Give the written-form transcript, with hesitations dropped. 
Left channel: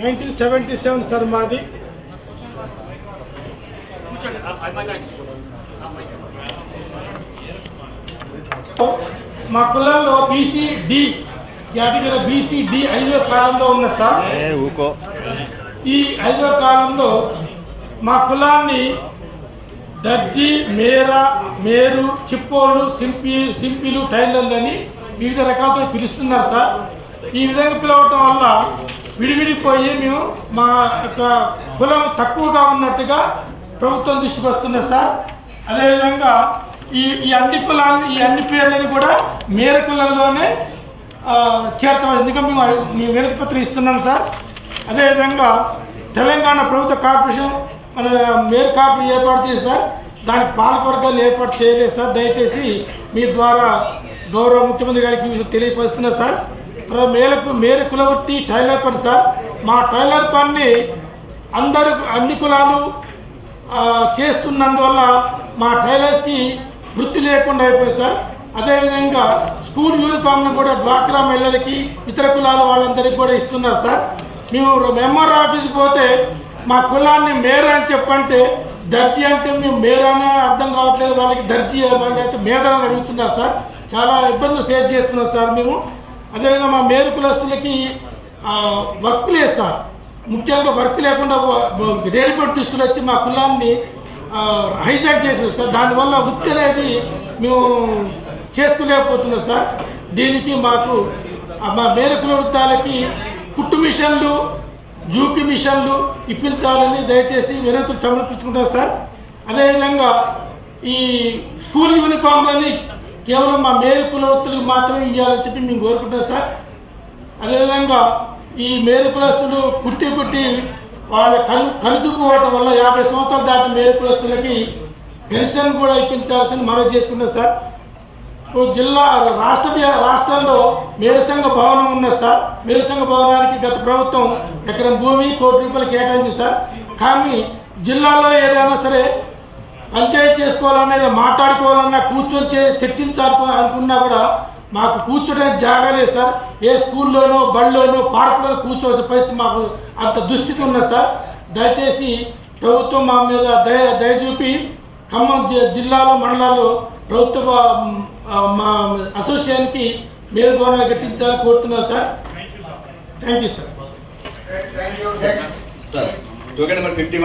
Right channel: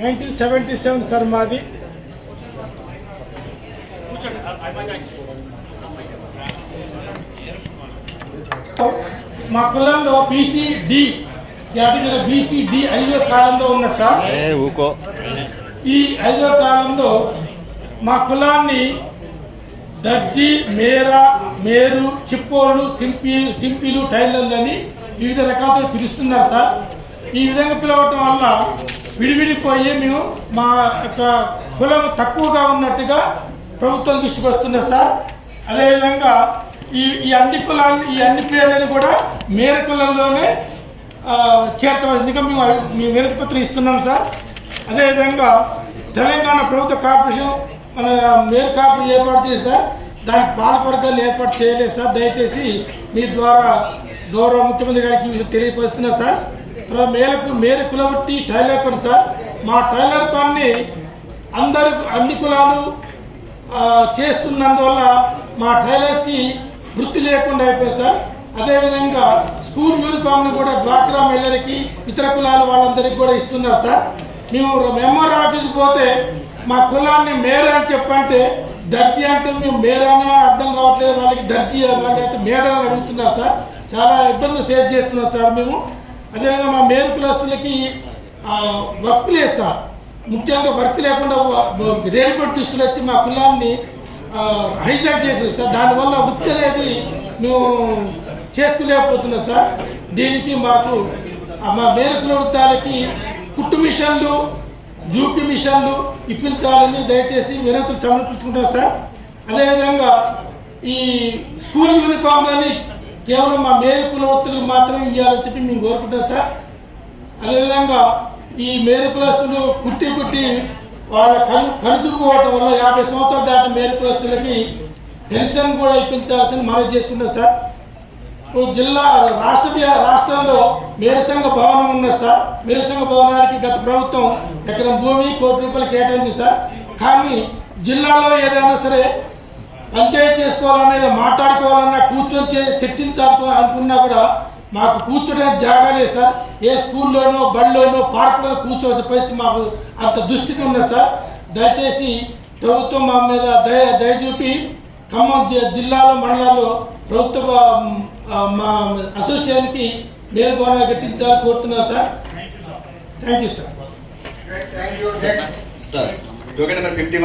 1977 sir మాది. మా కులంలో బీసీడి కేటగిరీ బీసీడి 5వ కాలంలో ఉన్న సార్. ఈ 5వ కాలంలో మా కులాన్ని దర్జీ, మేరు, చిప్పోళ్ళు, సింపీలు, టైలర్లు అని వివిధ రకాలతో పిలుస్తున్నారు సార్. ఈ విధంగా పిలవటం వల్ల విడివిడిపోయి మేము మా యొక్క కులం తక్కువగా ఉన్నట్టుగా ప్రభుత్వం దృష్టికి వస్తున్నది సార్. అదేవిధంగా ఈ అన్ని పేర్లను కూడా మేర కులంలోనే చేర్చవలసిందిగా మేము వినతి పత్రం ఇస్తున్నాం సార్. అదేవిధంగా తెలంగాణ ప్రభుత్వ కార్పొరేషన్ మన మేర కార్పొరేషన్ ఏర్పాటు చేసి సార్, దానికి పాలకవర్గాన్ని ఏర్పాటు చేయలేదు సార్. దయచేసి మీ ద్వారా గౌరవ ముఖ్యమంత్రి గారికి తెలియపరుస్తున్నారు సార్. తర్వాత మేర కులవృత్తి టైలర్ పని సార్. మా టైలర్ పని అన్ని కులాలు చేస్తున్నందువల్ల మా టైలర్స్కి వృత్తి లేకుండా అయిపోయింది సార్. అదేవిధంగా స్కూల్ యూనిఫామ్లు కూడా డ్వాక్రా మహిళలకి, ఇతర కులాల వాళ్ళందరికీ కూడా ఇస్తున్నారు సార్. మేము ఎంఆర్ ఆఫీస్కి పోతే మా కులాన్ని మేర అని చెప్పంటే దర్జీ అంటే మేము మేరానే అర్థం కావట్లేదు, వాళ్ళకి దర్జీ వాళ్ళైతే మేదరని అడుగుతున్నారు సార్. చాలా ఇబ్బందులు ఫేస్ చేస్తున్నాం సార్ మేము. అదేవిధంగా మా మేరు కులస్తులకి వర్క్ లేదు సార్. ముఖ్యంగా వర్క్ లేకుండా రెడీమేడ్ దుస్తులు వచ్చి మా కులాన్ని హైజాక్ చేసేది సార్. దానివల్ల వృత్తి అనేది మేము చేసుకోలేకపోతున్నాం సార్. దీనికి మాకు మా మేర కుల వృత్తాలకి కుట్టు మిషన్లు, జూకి మిషన్లు ఇప్పించాలని దయచేసి వినతులు సమర్పించుకుంటాం సార్. అదేవిధంగా ఈ స్కూల్ యూనిఫామ్లని కేవలం మా మేర కులవృత్తులకు మాత్రమే ఇవ్వాలని చెప్పి మేము కోరుకుంటాం సార్. అదేవిధంగా ఈ మేర కులస్తులు కుట్టి వాళ్ళ కలుచుకుపోవటం వల్ల 50 సంవత్సరాలు దాటిన మేర కులస్తులకి పెన్షన్ కూడా ఇప్పించాల్సింది మనం చేసుకుంటాం సార్. రాష్ట్రంలో మేరసంఘ భవనం ఉన్నది సార్. మేరసంఘ భవనానికి గత ప్రభుత్వం ఎకరం భూమి ₹1 కోటి కేటాయించింది సార్. కానీ జిల్లాలో ఏదైనా సరే పంచాయతీ చేసుకోవాలనేది మాట్లాడుకోవాలన్నా కూర్చొని చర్చించాలి అనుకున్నా కూడా మాకు కూర్చోడానికి జాగా లేదు సార్. ఏ స్కూల్లోనో, బడిలోనో, పార్కులోనో కూర్చోవలసిన పరిస్థితి మాకు అంత దుస్థితి ఉన్నది సార్. దయచేసి ప్రభుత్వం మా మీద దయ చూపి ఖమ్మం జిల్లాలో, మండలాల్లో ప్రభుత్వ మా అసోసియేషన్కి మేలు భవనాలు కట్టించాలని కోరుతున్నాను సార్. Thank you sir.